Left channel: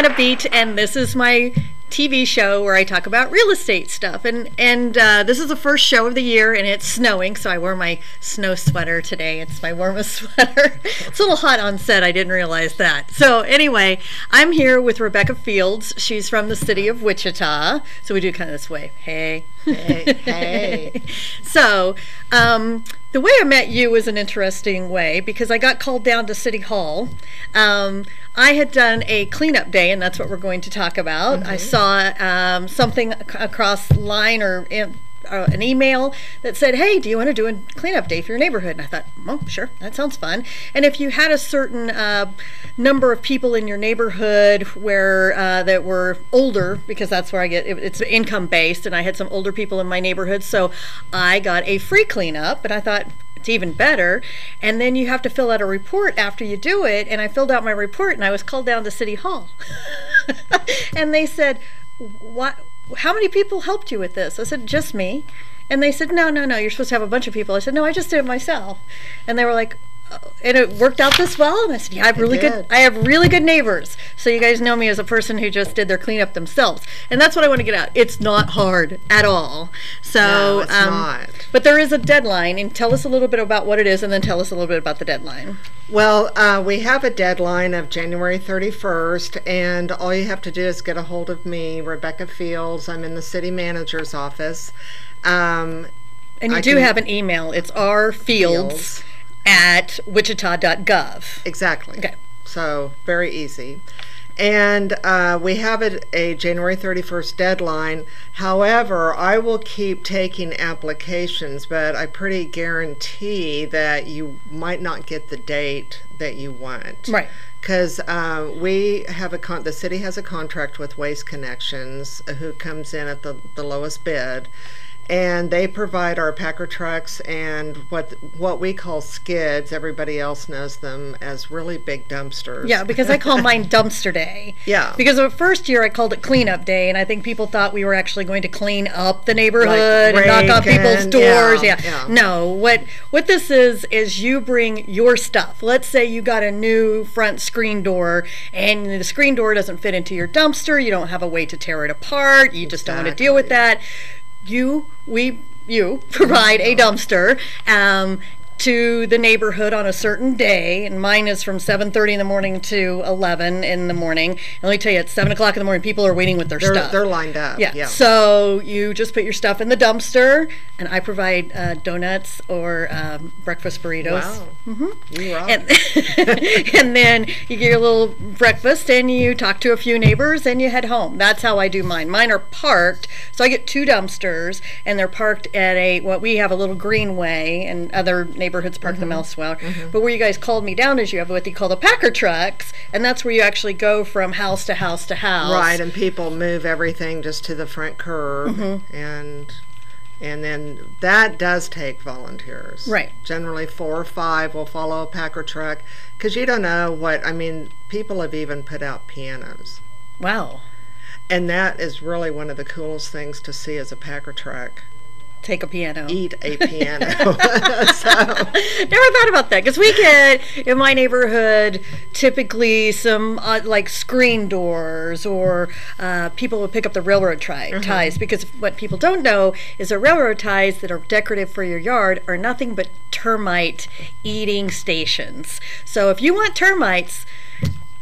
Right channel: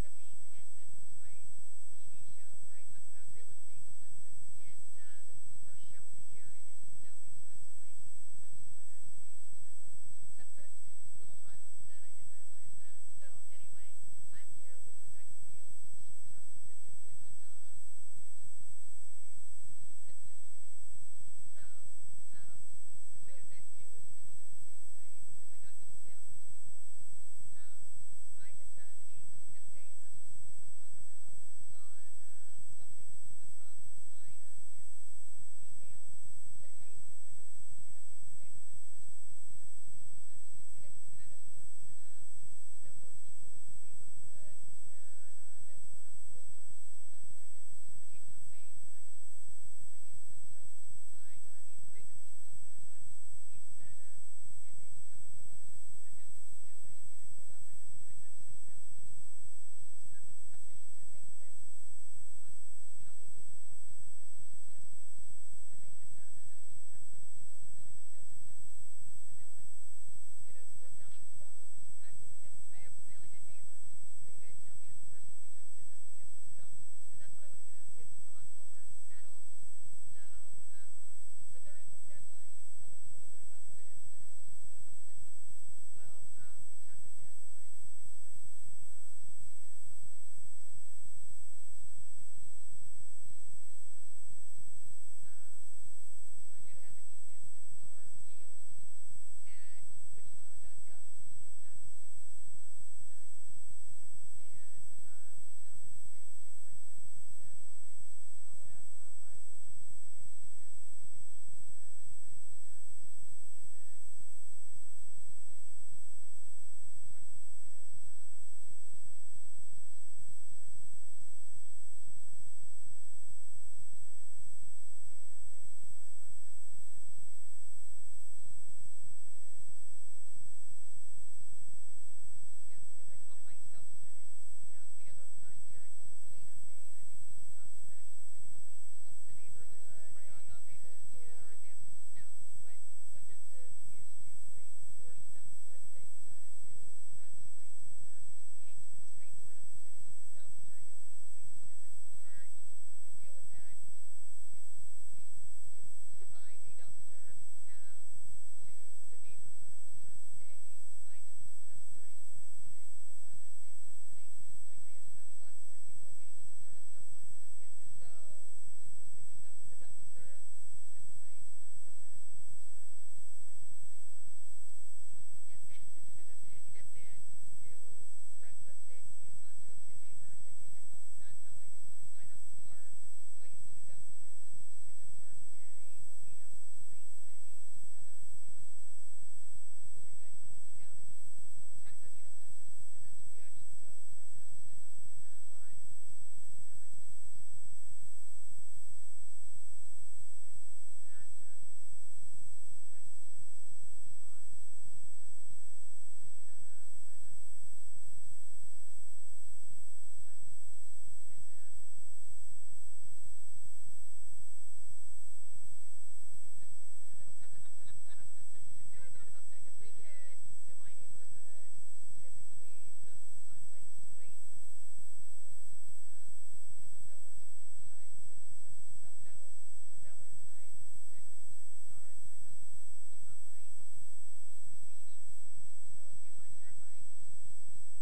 LeAnna Beat, and this is my TV show where I talk about real estate stuff. And this is the first show of the year, and it's snowing, so I wore my snow sweater today. It's my warmest sweater. It's a little hot on set. I didn't realize that. So anyway, I'm here with Rebecca Fields. She's from the City of Wichita. So we do kind of this way. Hey. Hey, hey. So, the way I met you was an interesting way because I got called down to City Hall. I had done a cleanup day, and that's what we're going to talk about. I saw something across line or an email that said, hey, do you want to do a cleanup day for your neighborhood? And I thought, oh, sure, that sounds fun. And if you had a certain number of people in your neighborhood where that were older, because that's where I get, it's income based, and I had some older people in my neighborhood, so I got a free cleanup, and I thought, it's even better. And then you have to fill out a report after you do it, and I filled out my report, and I was called down to City Hall. And they said, what? How many people helped you with this? I said, just me. And they said, no, you're supposed to have a bunch of people. I said, no, I just did it myself. And they were like, and it worked out this well? And I said, yeah, I have really good neighbors. So you guys know me as a person who just did their cleanup themselves. And that's what I want to get out. It's not hard at all. So, no, it's not. But there is a deadline, and tell us a little bit about what it is, and then tell us a little bit about the deadline. Well, we have a deadline of January 31st, and all you have to do is get a hold of me, Rebecca Fields. I'm in the city manager's office. And you do have an email. It's rfields@wichita.gov. Exactly. Okay. So very easy. And we have a January 31st deadline. However, I will keep taking applications, but I pretty guarantee that you might not get the date that you want. Right. Because we have the city has a contract with Waste Connections, who comes in at the lowest bid. And they provide our Packer trucks and what we call skids. Everybody else knows them as really big dumpsters. Yeah, because I call mine dumpster day. Yeah. Because the first year I called it cleanup day, and I think people thought we were actually going to clean up the neighborhood and knock on people's doors. Yeah. No, what this is you bring your stuff. Let's say you got a new front screen door, and the screen door doesn't fit into your dumpster. You don't have a way to tear it apart. You just don't want to deal with that. You provide a dumpster to the neighborhood on a certain day, and mine is from 7:30 in the morning to 11 in the morning. And let me tell you, at 7 o'clock in the morning, people are waiting with their stuff. They're lined up. Yeah. So you just put your stuff in the dumpster, and I provide donuts or breakfast burritos. Wow. You rock. And then you get your little breakfast, and you talk to a few neighbors, and you head home. That's how I do mine. Mine are parked, so I get 2 dumpsters, and they're parked at what we have a little greenway, and other neighborhoods park them elsewhere. But where you guys called me down is you have what they call the Packer trucks, and that's where you actually go from house to house to house. Right, and people move everything just to the front curb, and then that does take volunteers. Right. Generally 4 or 5 will follow a Packer truck, because you don't know people have even put out pianos. Wow. And that is really one of the coolest things to see as a Packer truck. Take a piano. Eat a piano. Never thought about that, because we get in my neighborhood typically some like screen doors, or people will pick up the railroad ties, because what people don't know is the railroad ties that are decorative for your yard are nothing but termite eating stations. So if you want termites,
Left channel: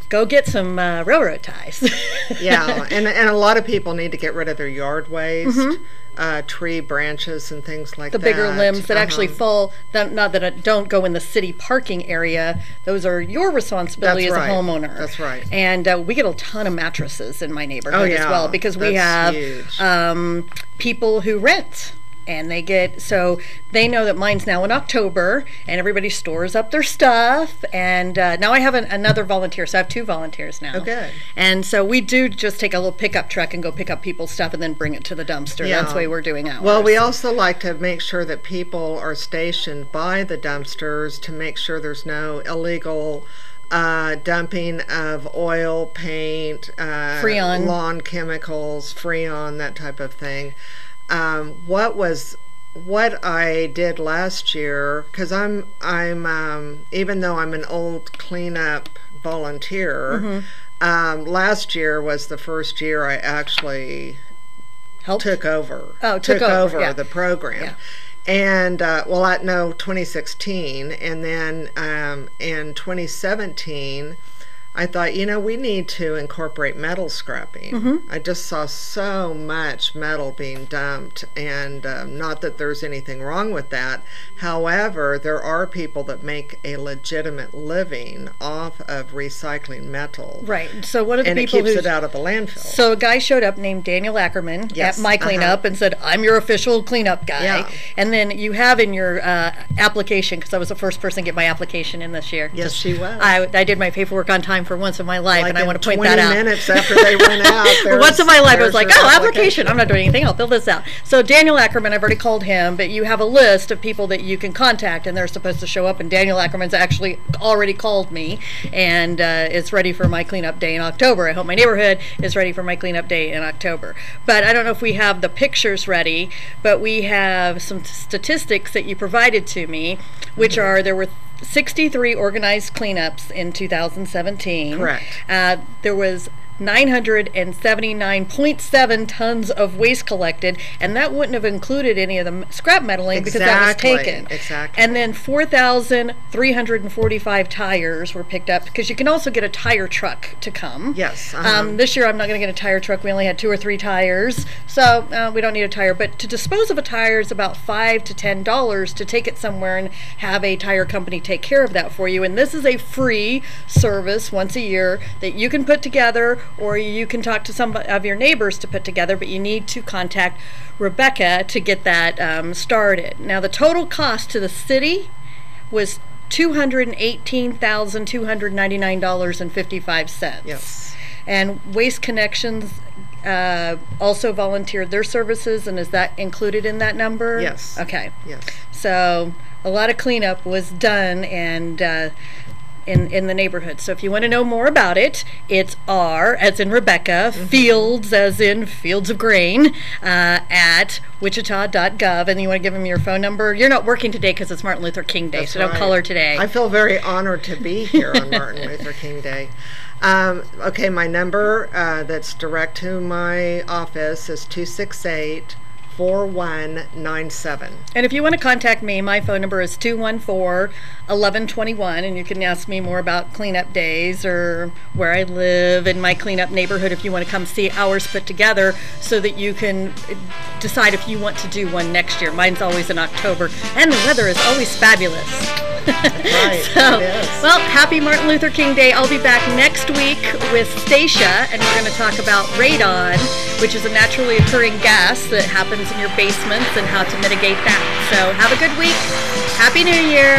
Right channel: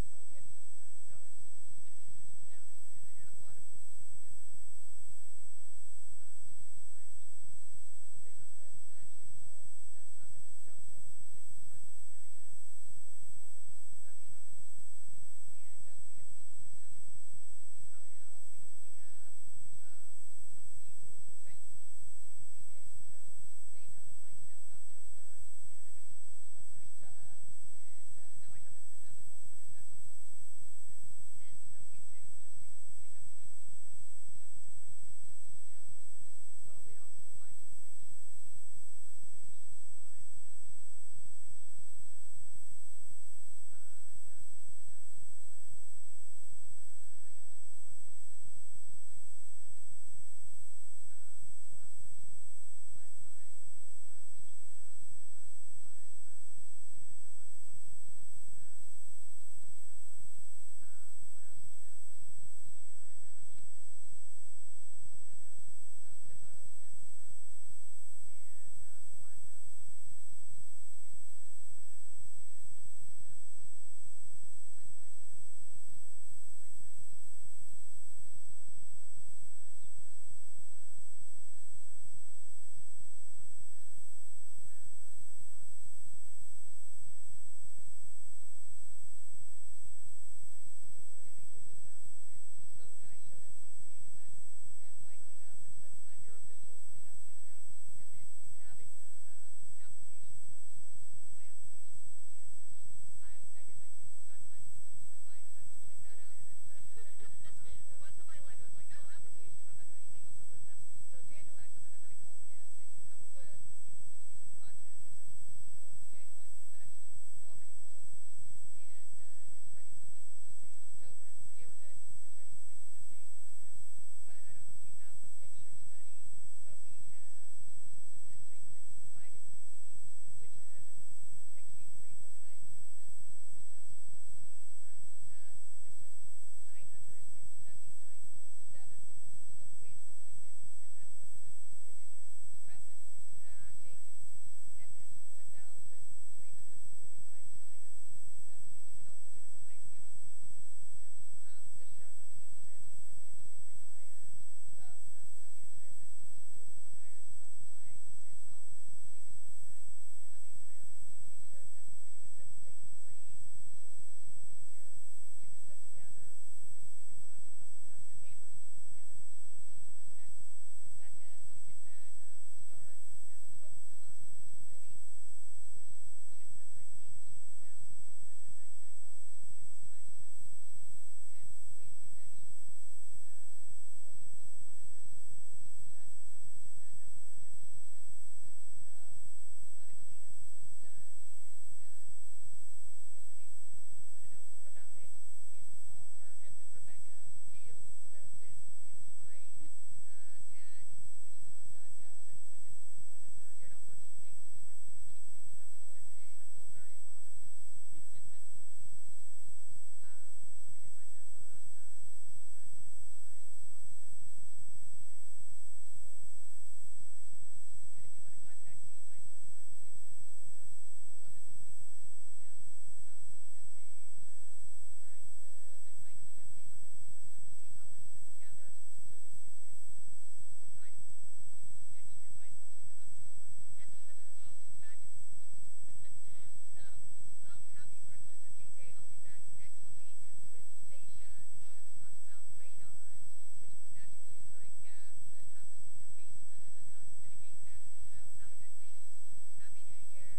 go get some railroad ties. Yeah, and a lot of people need to get rid of their yard waste. Tree branches and things like that. The bigger limbs that actually fall, not that don't go in the city parking area. Those are your responsibility as a homeowner. That's right. And we get a ton of mattresses in my neighborhood as well, because we have people who rent. And so they know that mine's now in October, and everybody stores up their stuff. And now I have another volunteer, so I have 2 volunteers now. Okay. And so we do just take a little pickup truck and go pick up people's stuff and then bring it to the dumpster. Yeah. That's the way we're doing ours. Well, we also like to make sure that people are stationed by the dumpsters to make sure there's no illegal dumping of oil, paint, Freon, lawn chemicals, Freon, that type of thing. What I did last year, because I'm even though I'm an old cleanup volunteer, Last year was the first year I actually took over. Oh, took over yeah. the program. Yeah. And, 2016. And then in 2017, I thought, we need to incorporate metal scrapping. Mm-hmm. I just saw so much metal being dumped, and not that there's anything wrong with that. However, there are people that make a legitimate living off of recycling metal. Right. So one of the and people it keeps it out of the landfill. So a guy showed up named Daniel Ackerman Yes. at my cleanup and said, "I'm your official cleanup guy." Yeah. And then you have in your application, because I was the first person to get my application in this year. Yes, she was. I did my paperwork on time for once in my life, Like and I want to point 20 that out. minutes after they went out. Once in my life, I was like, your "Oh, application! I'm not doing anything. I'll fill this out." So Daniel Ackerman, I've already called him, but you have a list of people that you can contact, and they're supposed to show up. And Daniel Ackerman's actually already called me, and is ready for my cleanup day in October. I hope my neighborhood is ready for my cleanup day in October. But I don't know if we have the pictures ready, but we have some statistics that you provided to me, which are there were 63 organized cleanups in 2017. Correct. There was 979.7 tons of waste collected, and that wouldn't have included any of the scrap metaling because that was taken. Exactly. And then 4,345 tires were picked up, because you can also get a tire truck to come. Yes. This year I'm not going to get a tire truck. We only had 2 or 3 tires, so we don't need a tire. But to dispose of a tire is about $5 to $10 to take it somewhere and have a tire company take care of that for you. And this is a free service once a year that you can put together, or you can talk to some of your neighbors to put together, but you need to contact Rebecca to get that started. Now, the total cost to the city was $218,299.55. Yes. And Waste Connections also volunteered their services, and is that included in that number? Yes. Okay. Yes. So a lot of cleanup was done, and in the neighborhood. So if you want to know more about it, it's R as in Rebecca, Fields as in Fields of Grain, at wichita.gov, and you want to give them your phone number. You're not working today because it's Martin Luther King Day, That's so right. don't call her today. I feel very honored to be here on Martin Luther King Day. Okay, my number that's direct to my office is 268-4197. And if you want to contact me, my phone number is 214-1121, and you can ask me more about cleanup days or where I live in my cleanup neighborhood if you want to come see ours put together, so that you can decide if you want to do one next year. Mine's always in October, and the weather is always fabulous. Right, So, it is. well, happy Martin Luther King Day. I'll be back next week with Stacia, and we're going to talk about radon, which is a naturally occurring gas that happens in your basements, and how to mitigate that. So have a good week. Happy New Year.